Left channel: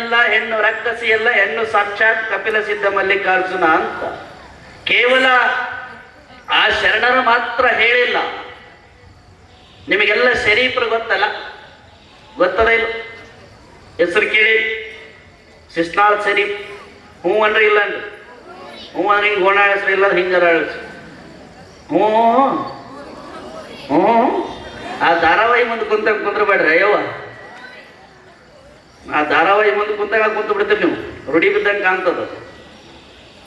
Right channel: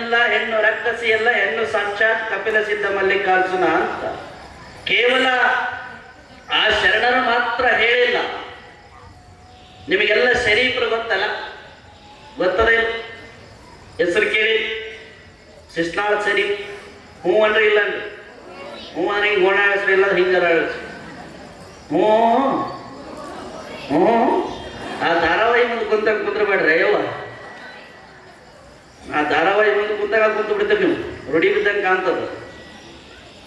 ಹೆಣ್ಣಲ್ಲ, ಹೆಣ್ಣು ರಕ್ಕಸಿ ಅಲ್ಲ, ಹೆಣ್ಣು ಸಾಕ್ಷಾತ್ ಕಪಿಲ ಸಿದ್ಧ ಮಲ್ಲಿಕಾರ್ಜುನ ಅಂತ ಕೇವಲ ಆ ಶರಣರು ಮಾತ್ರ ಹೇಳಿಲ್ಲ. ನಿಮಗೆಲ್ಲ ಶರೀಫರು ಗೊತ್ತಲ್ಲ, ಗೊತ್ತದ ಇಲ್ಲ? ಹೆಸರು ಕೇಳಿ, ಶಿಸ್ನಾಳ್ ಶರೀಫ್. ಹ್ಞೂ ಅಂದ್ರೆ ಇಲ್ಲ ಅಂದ್ರೆ ಹ್ಞೂ ಅಂದ್ರೆ ಹಿಂಗೆ ಓಡಾಡಿಸ್ರಿ, ಇಲ್ಲ ಹಿಂಗಾರ ಹ್ಞೂ ಹ್ಞೂ. ಆ ಧಾರಾವಾಹಿ ಮುಂದೆ ಕುಂದ್ರಬೇಡ್ರಿ ಅಯ್ಯವ್ವ. ಆ ಧಾರಾವಾಹಿ ಮುಂದೆ ಕುಂತಾಗ ಕುಂತು ಬಿಡ್ತೀರಿ ನೀವು, ರೂಢಿ ಬಿದ್ದಂಗೆ ಕಾಣ್ತದ.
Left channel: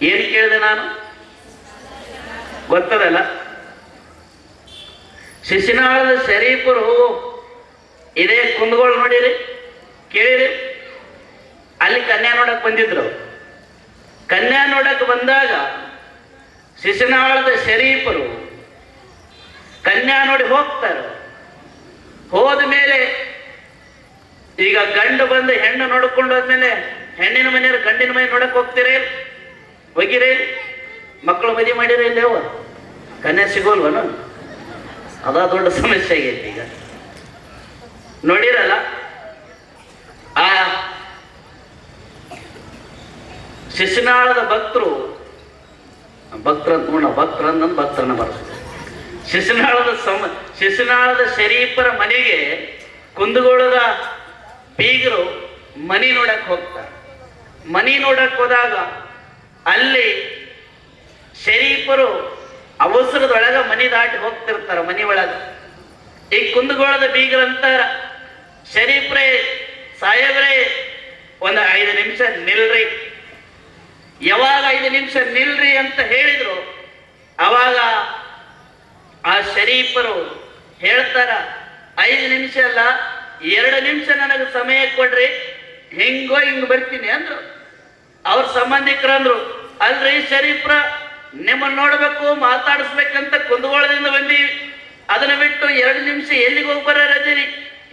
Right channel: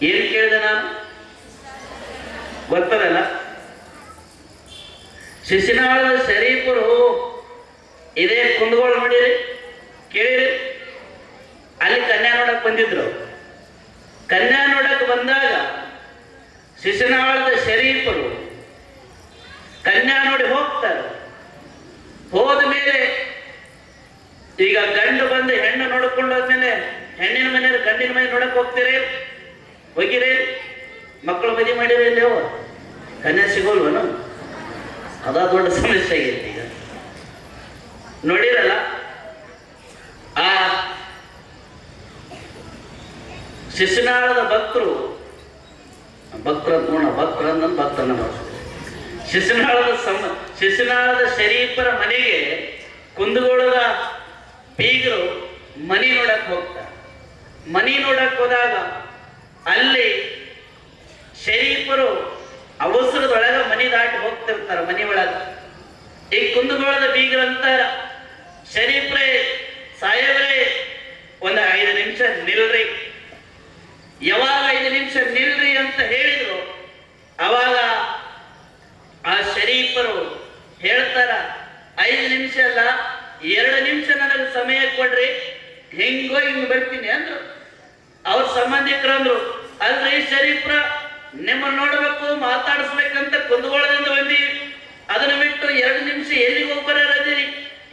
ಏನು ಕೇಳಿದೆ ನಾನು? ಗೊತ್ತದಲ್ಲ, ಶಿಶುನಾಳದ ಶರೀಫರು ಇದೇ ಕುಂದಗೋಳು ನೋಡಿರಿ, ಕೇಳಿರಿ. ಅಲ್ಲಿ ಕನ್ಯಾ ನೋಡಕ್ ಬಂದಿದ್ರು. ಕನ್ಯಾ ನೋಡಕ್ ಬಂದಾಗ ಶಿಶುನಾಳದ ಶರೀಫರು ಕನ್ಯಾ ನೋಡಿ ಹೋಗ್ತಾರೆ. ಹೋದ ಮೇಲೆ ಈಗ ಗಂಡು ಬಂದು ಹೆಣ್ಣು ನೋಡ್ಕೊಂಡು ಹೋದ್ಮೇಲೆ ಹೆಣ್ಣಿನ ಮನೆಯವ್ರು ಗಂಡಿನ ಮನೆ ನೋಡಕ್ ಹೋಗ್ತೀರಿ, ಹೋಗಿರಿ? ಮಕ್ಕಳು ಮದುವೆ ಮಾಡಿರಿ ಇಲ್ಲೇವ? ಕನ್ಯಾ ಸಿಗೋಲ್ವನು? ಅದ ದೊಡ್ಡ ಸಮಸ್ಯೆ ಆಗೈತಿ ಈಗ. ನೋಡಿರಲ್ಲ, ಆ ಶಿಶುನಾಳದ ಭಕ್ತರು ಭಕ್ತರನ್ನ ಬಳಸ್ತಾರೆ. ಶಿಶುನಾಳದ ಶರೀಫರ ಮನೆಗೆ ಕುಂದಗೋಳದ ಬೀಗರು ಮನಿ ನೋಡಕ್ ಹೋಗ್ತಾರೆ. ಮನಿ ನೋಡಕ್ ಹೋದಾಗ ಅಲ್ಲಿ ಶರೀಫರು ಅವಸರದೊಳಗ ಮನಿ ದಾಟಿ ಹೋಗ್ತಿರ್ತಾರ. ಮನಿ ಒಳಗ ಈ ಕುಂದಗೋಳದ ಬೀಗರಂತಾರ, ಶರೀಫ್ರೇ ಸಾಯಬ್ರೇ ಒಂದು 5 ನಿಮಿಷ ನಿಲ್ರಿ. ಯಾವಾಗ 5 ನಿಮಿಷ ನಿಲ್ರಿ ಅಂತ ಹೇಳಿದ್ರು ಅವಾಗ ಆ ಶರೀಫರು ಹೇಳ್ತಾರ, 5 ನಿಮಿಷ ಅಲ್ಲ 2 ನಿಮಿಷ ನನಗೆ ಸಮಯ ಕೊಡ್ರಿ, ಹೆಂಗೋ ಹಿಂಗ್ ಬರ್ತೀನಿ ಅಂದ್ರು. ಅವ್ರ ಸಂಬಂಧಿಕರಂದ್ರು, ಅಲ್ರಿ ಶರೀಫ್ರ, ನಿಮ್ಮನ್ನ ನೋಡ್ಬೇಕು ಮಾತಾಡಿಸ್ಬೇಕಂತ ಕುಂದಗೋಳದಿಂದ ಬಂದೀವಿ, ಅದನ್ನ ಬಿಟ್ಟು 2 ನಿಮಿಷ ಎಲ್ಲಿಗೆ ಹೋಗಿ ಬರೋರದೀರಿ?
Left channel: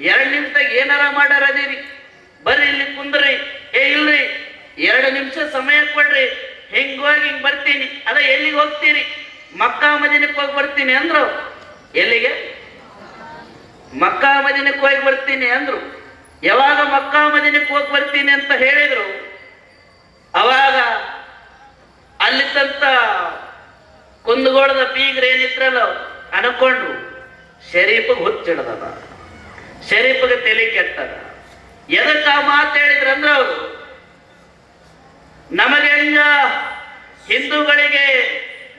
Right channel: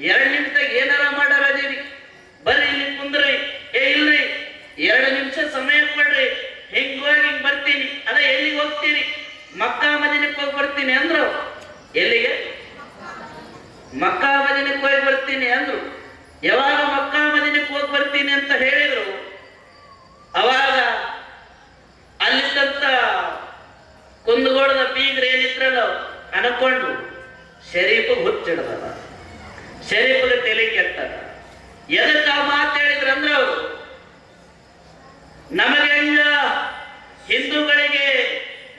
2 ನಿಮಿಷದಾಗ ಏನಾರ ಮಾಡಾರದೀರಿ? ಬರ್ರಿ ಇಲ್ಲಿ ಕುಂದ್ರಿ. ಇಲ್ರಿ, 2 ನಿಮಿಷ ಸಮಯ ಕೊಡ್ರಿ, ಹೆಂಗೋಗಿ ಹಿಂಗ್ ಬರ್ತೀನಿ. ಅದ ಎಲ್ಲಿಗೆ ಹೋಗ್ತೀರಿ? ಮಕ್ಕಾ ಮದೀನಕ್ಕೆ ಹೋಗಿ ಬರ್ತೀನಿ ಅಂದ್ರು. ಎಲ್ಲಿಗೆ? ಮಕ್ಕಾ ಮದೀನಕ್ಕೆ ಹೋಗಿ ಬರ್ತೀನಿ ಅಂದ್ರು. ಯಾವಾಗ ಮಕ್ಕಾ ಮದೀನಕ್ಕೆ ಹೋಗಿ ಬರ್ತೀನಿ ಅಂತ ಹೇಳಿದ್ರು ಅವಾಗ ಅಲ್ಲಿದ್ದಂತ ಕುಂದಗೋಳದ ಬೀಗ್ರ ಏನಿದ್ರಲ್ಲ ಅನ್ಕೊಂಡ್ರು, ಶರೀಫಿಗೆ ಹುಚ್ಚಿಡದ, ಶರೀಫಿಗೆ ತಲೆ ಕೆಟ್ಟದ. ಎದಕ್ಕ ಮಾತು ಹೇಳಿದ್ರಂದ್ರೆ ಅವರು, ನಮಗೆ ಹೆಂಗ ಹಿಂದೂಗಳಿಗೆ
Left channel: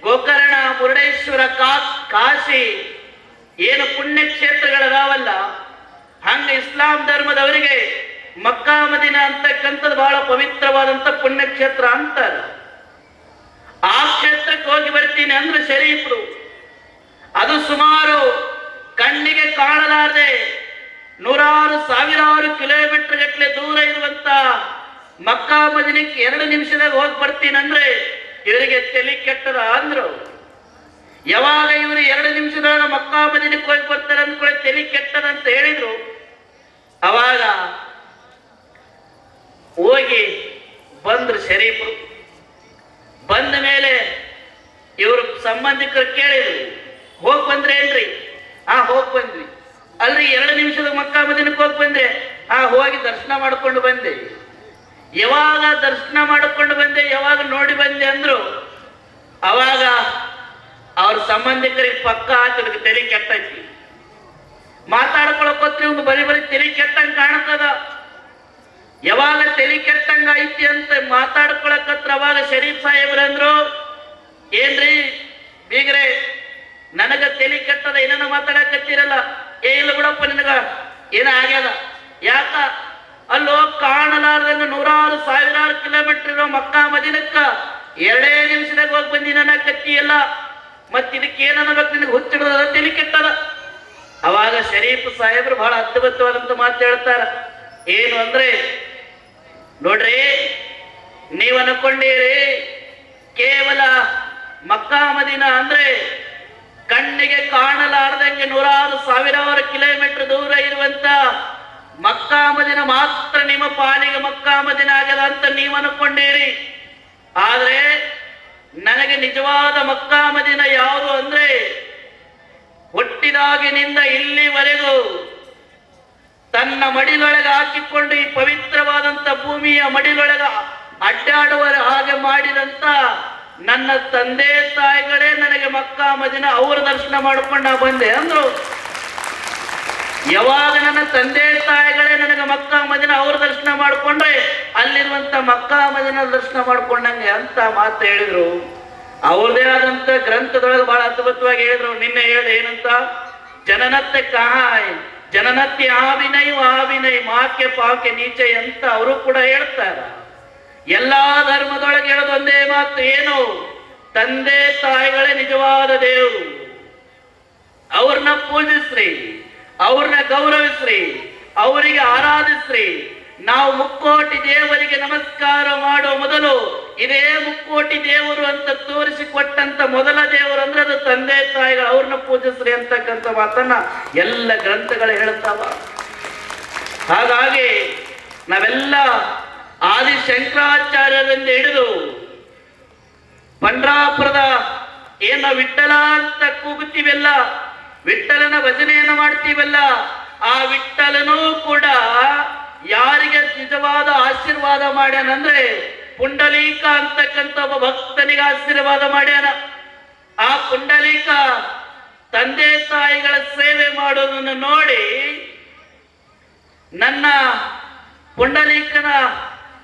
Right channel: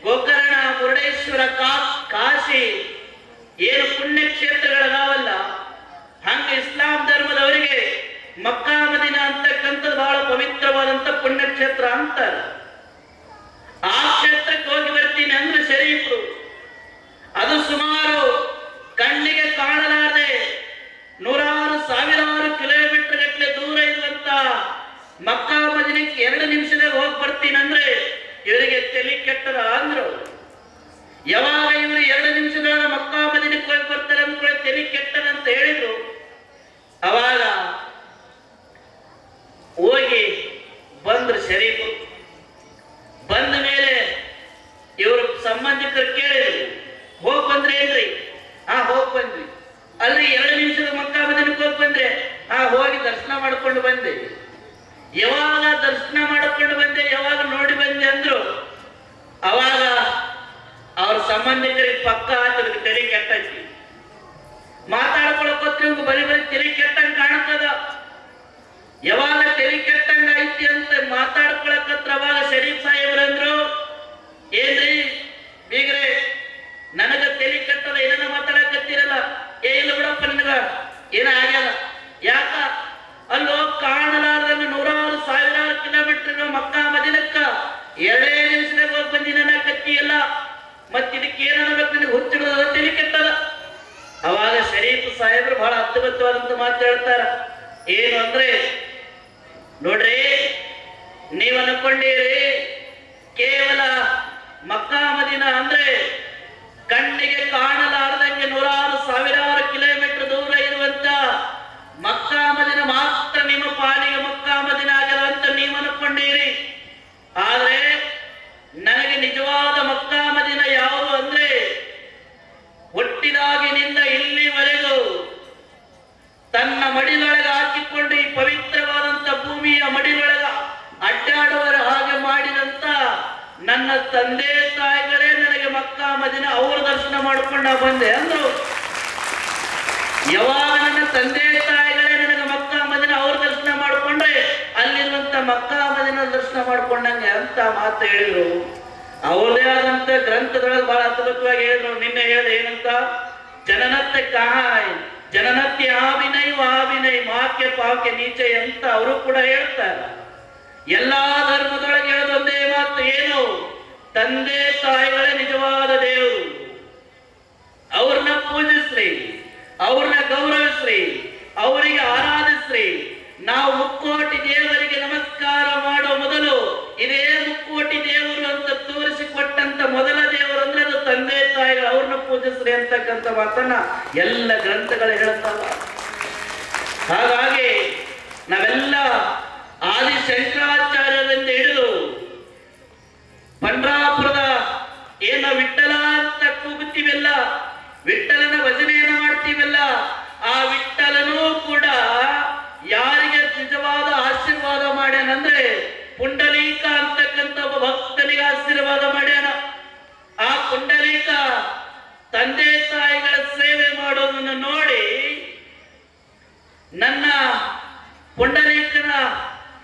ಗೋಕರ್ಣ, ಮುರುಡೇಶ್ವರ, ಕಾಶಿ ಏನು ಪುಣ್ಯಕ್ಷೇತ್ರಗಳದಾವಲ್ಲ, ಹಂಗ ಇಸ್ಲಾಂ ಧರ್ಮದವರಿಗೆ ಮಕ್ಕಾ ಮದೀನ ಅಂತಕ್ಕಂಥದ್ದು ಬಹಳ ಪವಿತ್ರವಾದಂತ ಪುಣ್ಯಕ್ಷೇತ್ರ ಅಂತಾರೆ. ಆ ಕ್ಷೇತ್ರಕ್ಕೆ ಹೋಗಿ ಬರ್ತೀನಿ ಅಂದ್ರೆ ಶರೀಫರು, ಅದು ಸುಮಾರು ಕಣ್ಣಿಗೆ ಕಾಣಲಾರದೆ 100 ಸಾವಿರಾರು ಕಿಲೋಮೀಟರ್ ಗಟ್ಟಲೆ ದೂರ ಇರುವಂತ ಮಕ್ಕಾ ಮದೀನಕ್ಕೆ 2 ನಿಮಿಷದಾಗ ಹೋಗಿ ಬರ್ತೀನಿ ಅಂದ್ರೆ ಇವರಿಗೆ ತಲೆ ಕೆಟ್ಟದ ಅಂದ್ರು. ಯಾವಾಗ ಇವರು 2 ನಿಮಿಷದಾಗ ಮಕ್ಕಾ ಮದೀನಕ್ಕೆ ಹೋಗಿ ಬರ್ತಾರೆ ಅಂದ್ಕೊಳ್ಳಿ ತಲೆ ಕೆಟ್ಟದ ಅಂತ ಹೇಳಿದ್ರು, ಅವಾಗ ಹೋಗಿ ಬಂದ್ರು ಶರೀಫರು. ಬಂದ ಮೇಲೆ ಇವರು ಸಂಬಂಧಿಕರು ಕೇಳಿದ್ರು, ಹೋಗಿ ಬಂದ್ರೆ ಏನ್ರಿ? ಹೋಗಿ ಬಂದ್ವಿ. ಅಲ್ರಿ 2 ನಿಮಿಷದ ಮಕ್ಕಾ ಮದೀನಕ್ಕೆ ಹೋಗಿ ಬಂದೆ? ಹೋಗಿ ದರ್ಶನ ಮಾಡ್ಕೊಂಡು ಬಂದೆ. ಯಾವಾಗ ದರ್ಶನ ಮಾಡ್ಕೊಂಡು ಬಂದೆ, ಯಾವಾಗ ನೋಡಿ ಬಂದೆ ಅಂದ್ರು. ಅವಾಗ ಅವ್ರ ಸಂಬಂಧಿಕರಿಗೆ ಪಕ್ಕ ಹಾಕಿದ್ರು, ತಲೆ ಕೆಟ್ಟೈತಿ. ಮಾತಾಡ್ಕೊಳಕೋತ್ರಿ ಬರೀ ತಲೆ ಕೆಟ್ಟಂಗೆ ಕಾಣ್ತದ. ಯಾವಾಗ ತಲೆ ಕೆಟ್ಟಂಗ ಐತಿ ಅಂತ ಮಾತಾಡ್ಕೊಳಕತ್ರ ಅವಾಗ ಶರೀಫ್ ಸಾಹೇಬ್ರಂದ್ರು, ಏನ್ರಿ ಬೀಗ್ರೆ ನನಗ ತಲೆ ಕೆಟ್ಟದ, ಏನನ್ನ ಮಾತಾಡಕತ್ತೀರಲ್ಲ? ಇಲ್ಲ ಬಿಡಪ್ಪ, ನಿನಗ ಏನ ಆಗ್ಯದ? ಯಾಕ? ಅಲ್ಲೋ ಕಾಣಲಾರದನ್ನು 100 ಸಾವಿರಾರು ಕಿಲೋಮೀಟರ್ ಮಕ್ಕಾ ಮದೀನಕ್ಕ 2 ನಿಮಿಷದಾಗ ಹೋಗಿ ಬಂದಿ ನನ್ನ ಕತ್ತಿಯಲ್ಲ, ಮತ್ ಇದಕ್ಕೆ ಏನನ್ಬೇಕು? ನಿನಗೆ ಹುಚ್ಚಿಡೋದ, ತಲೆ ಕೆಟ್ಟದ. ಅವಾಗ ಶರೀಫ್ ಸಾಹೇಬ್ರು ಬಹಳ ಅದ್ಭುತವಾದಂತ ಮಾತು ಹೇಳ್ತಾರ. ಏನು ಅಂದ್ರೆ, ನೋಡ್ರಿ, ನೀವು ಅನ್ಕೊಂಡಿರಿ ಕೇವಲ ಮಕ್ಕಾ ಮದೀನ ಅಂದ್ರೆ ಕಣ್ಣಿಗೆ ಕಾಣಲಾರದಂಗೆ 100 ಸಾವಿರಾರು ಕಿಲೋಮೀಟರ್ ದೂರ ಇರುವಂತ ಮಕ್ಕಾ ಮದೀನ ಮಾತ್ರ ನಿಮ್ಮ ಪಾಲಿಗೆ ಮಕ್ಕಾ ಮದೀನ ಆಗಲ್ಲ ಅಂತ ನೀವು ಅನ್ಕೊಂಡಿರಿ. ಆದ್ರೆ ನನಗೆ ನಿಜವಾದ ಮಕ್ಕಾ ಮದೀನ ಯಾವುದು ಅಂದ್ರೆ, ಹುಟ್ಟಿದಾಗಿನಿಂದ ಇಲ್ಲಿವರೆಗೂ ತನ್ನ ಮಡಿಲೊಳಗೆ ಹಾಕಿಕೊಂಡು ಈ ಪವಿತ್ರವಾದಂತ ಭೂಮಿ ಭೂಮಿಯ ಮಡಿಯೊಳಗ ಅಡ್ಡಾಡುವ ಹಾಗೆ ಮಾಡಿದಂತ ನನ್ನ ತಂದೆ ತಾಯಿಗಳೇ ನನಗೆ ಮಕ್ಕಾ ಮದಿನ ಅವ್ರ ದರ್ಶನ ಮಾಡ್ಕೊಂಡು ನಾ ಬಂದೆ ಅಂದ್ರು. ಯಾವಾಗ ನನ್ನ ತಂದೆ ತಾಯಿಗಳೇ ನನಗೆ ಮಕ್ಕಾ ಮದಿನ ಅವ್ರ ದರ್ಶನ ಮಾಡ್ಕೊಂಡ್ರೆ ಅಲ್ಲಿರುವಂತ ಮಕ್ಕಾ ಮದಿನ ದರ್ಶನ ಮಾಡ್ಕೊಂಡಂಗೆ ಅಂತ ಮಾತು ಹೇಳಿದ್ರು. ಅವರದೇ ಆದಂತ ಗ್ರಂಥದೊಳಗೆ ಬಹಳ ಅದ್ಭುತವಾಗಿ ಹೇಳಿದ್ರು. ನಿನ್ನೆ ಹೇಳಿ ಏನಂತ, ಜನನತ್ತೆ ಕಹಾಯ್ ಜನನತ್ತಿ ಆವಿನೈ ವಾವಿನೈ ಮಾಕೆ ಪಾಕೆ ನೀಚೆ ಅಂತ ಅವರು ಕೂಡ ಹೇಳ್ತಾರೆ. ಎಲ್ಲಾ ಧರ್ಮದೊಳಗೆ ಹೇಳೋದೊಂದೇ ಮಾತು, ಏನು, ತಂದೆ ತಾಯಿಗಳೇ ನಿಜವಾದ ದೇವರು. ಅವ್ರನ್ನ ಪೂಜಿಸ್ರಿ, ಅವ್ರನ್ನ ಗೌರವಿಸ್ರಿ, ಅವರಿಗೆ ಆರಾಧಿಸ್ರಿ. ನಾವು ಮುಕ್ಕೋಟಿ ದೇವರಿಗೆ ನಮಸ್ಕಾರ ಮಾಡುವ ಮೊದಲು ಇದೇ ಮುಕ್ಕೋಟಿ ದೇವರು ಅಂತ ತೋರಿಸಿಕೊಟ್ಟಂತ ಮೊದಲ ದೇವರು ಅಂದ್ರೆ ಅದು ತಂದೆ ತಾಯಿಗಳು, ಅವ್ರನ್ನ ಪೂಜಿಸ್ರಿ ಅಂತಕ್ಕಂಥ ಮಾತನ್ನ ಎಲ್ಲ ಗ್ರಂಥಗಳು ಹೇಳ್ತಾವ. ಹಾಗಾಗಿ ನಾವೆಲ್ಲ ಆದಿ ಶಂಕರಾಚಾರ್ಯರಿಂದ ಹಿಡಿದು ಪಂಡ್ರಾಪುರದ ಏನ ವಿಠ್ಠಲ ಅಂತ ಕೂಗುತ್ತೀವಲ್ಲ, ವಿಠ್ಠಲನ ಭಜನೆಯನ್ನ ಮಾಡ್ತೀವಲ್ಲ, ಆ ವಿಠ್ಠಲನೂ ಕೂಡ ಯಾರಿಗೆ ನಿಜವಾದ ಆಶೀರ್ವಾದ ಮಾಡ್ಯಾನಂದ್ರೆ ಪುಂಡಲೀಕ ಅಂತಕ್ಕಂಥ ಒಬ್ಬ ಭಕ್ತನಿಗೆ ಆಶೀರ್ವಾದ ಮಾಡ್ಯಾನ. ಆ ಪುಂಡಲೀಕ ತಂದೆ ತಾಯಿಗಳ ಸೇವೆ ಮಾಡೋದನ್ನು ನೋಡಿ ನನ್ನ ಪುಂಡಲೀಕನ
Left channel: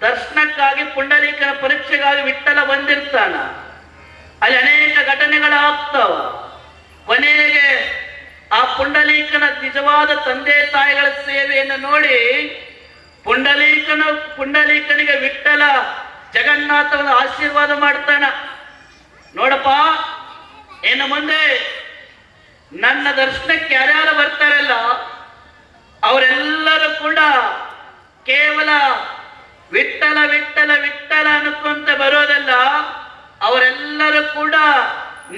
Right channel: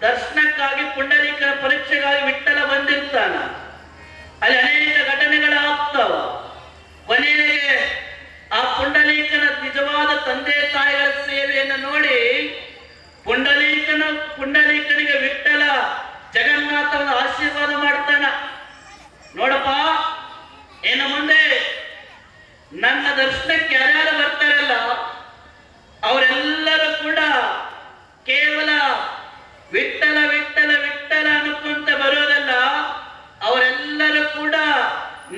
ದರ್ಶನಕ್ಕಾಗಿ, ಪುಂಡಲೀಕನ ಪರೀಕ್ಷೆಗಾಗಿ ವಿಠ್ಠಲ ಬಂದಿರ್ತಾನ. ಅಲ್ಲಿ ಅನೇಕ ಘಟನೆಗಳಾಗ್ತಾವ. ಕೊನೆಗೆ ಆ ಪುಂಡಲೀಕನ ನಿಜವಾದ ತಂದೆ ತಾಯಿಗಳ ಸೇವೆಯನ್ನು ನೋಡಿ ಪುಂಡಲೀಕನಿಗೆ ವಿಠ್ಠಲ ಜಗನ್ನಾಥನ ಆಶೀರ್ವಾದ ಮಾಡ್ತಾನ. ನೋಡಪ್ಪ, ಇನ್ನು ಮುಂದೆ ನನ್ನ ದರ್ಶನಕ್ಕೆ ಯಾರ್ಯಾರು ಬರ್ತಾರಲ್ಲ ಅವರೆಲ್ಲರೂ ಕೂಡ ಕೇವಲ ವಿಠ್ಠಲ ವಿಠ್ಠಲ ವಿಠ್ಠಲ ಅನ್ಕೊಂತ ಬರೋದಲ್ಲ, ಅವರೆಲ್ಲರೂ ಕೂಡ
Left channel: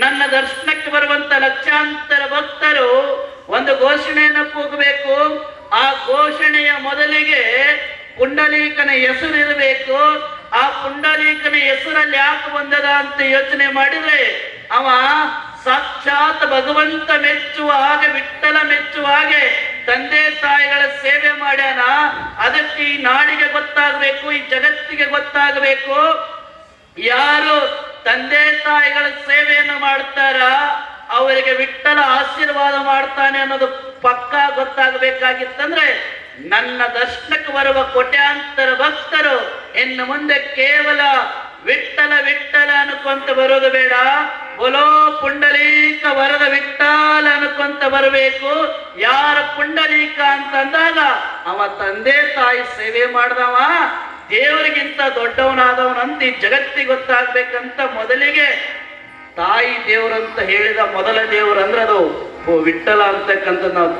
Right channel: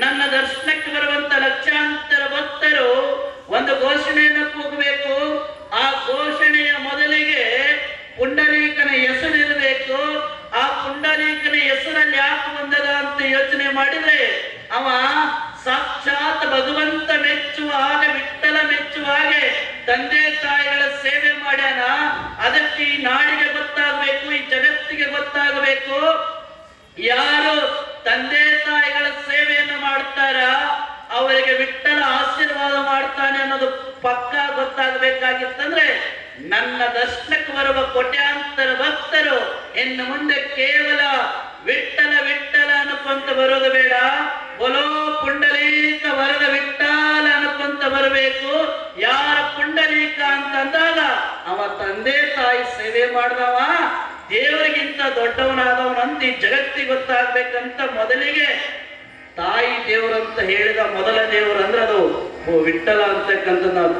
ನನ್ನ ದರ್ಶನಕ್ಕೆ ಬರುವಂತ ಲಕ್ಷಾಂತರ ಭಕ್ತರು ಒಂದು ಘೋಷಣೆಯನ್ನು ಕೂಗಬೇಕು. ಆ ಘೋಷಣೆಯ ಮೊದಲಿಗೆ ಪುಂಡಲೀಕನ ಹೆಸರಿರಬೇಕು. ಆ ಪುಂಡಲೀಕನ ಹೆಸರಲ್ಲಿ ಯಾಕೆ ಬಂದದ ಅಂತ ಯೋಚನೆ ಮಾಡಿದ್ರೆ ಅವ ಸಾಕ್ಷಾತ್ ಭಗವಂತ ಮೆಚ್ಚುವ ಹಾಗೆ, ವಿಠ್ಠಲ ಮೆಚ್ಚುವ ಹಾಗೆ ತಂದೆ ತಾಯಿಗಳ ಸೇವೆ ಮಾಡ್ಯಾನ. ಅದಕ್ಕೆ ಈ ನಾಡಿಗೆ ಗೊತ್ತಾಗಬೇಕು, ಈ ಜಗತ್ತಿಗೆ ಗೊತ್ತಾಗಬೇಕು, ಯಾರು ತಂದೆ ತಾಯಿಗಳ ಸೇವೆಯನ್ನು ಮಾಡ್ತಾರ ಅವರಿಗೆ ವಿಠ್ಠಲ ಆಶೀರ್ವಾದ ಮಾಡ್ತಾನೆ ಅನ್ನೋದು ಪಕ್ಕಾ ಗೊತ್ತಾಗಬೇಕಾಗಿತ್ತಂದ್ರೆ ನನ್ನ ದರ್ಶನಕ್ಕೆ ಬರುವ ಕೋಟ್ಯಾಂತರ ಭಕ್ತರು ಇನ್ನು ಮುಂದೆ ಕೇವಲ ವಿಠ್ಠಲ ವಿಠ್ಠಲ ಅನ್ಕೊಂತ ಬರೋದು ಬೇಡ, ಬೋಲೋ ಪುಂಡಲೀಕ ವರದ ವಿಠ್ಠಲ ಅನ್ಕೊಂತ ಬರಬೇಕು. ಯಾರ ಪುಂಡಲೀಕ ಅಂತಂದಾಗ ಅವ ತಂದೆ ತಾಯಿ ಸೇವೆ ಮಾಡಿದವ ದೇವರಿಗಿಂತ ದೊಡ್ಡವನಾದವನಂತ ಈ ಜಗತ್ತಿಗೆ ಗೊತ್ತಾಗ್ಬೇಕಂತ ಮೊದಲಿಗೆ ತಾಯಿ ದೇವರು ಅಂತ ಹೇಳಿದ ಮೊದಲ ದೇವರು ಅಂದ್ರೆ ಅದು ವಿಠ್ಠಲ ಅಂತಕ್ಕಂಥ ನಾವು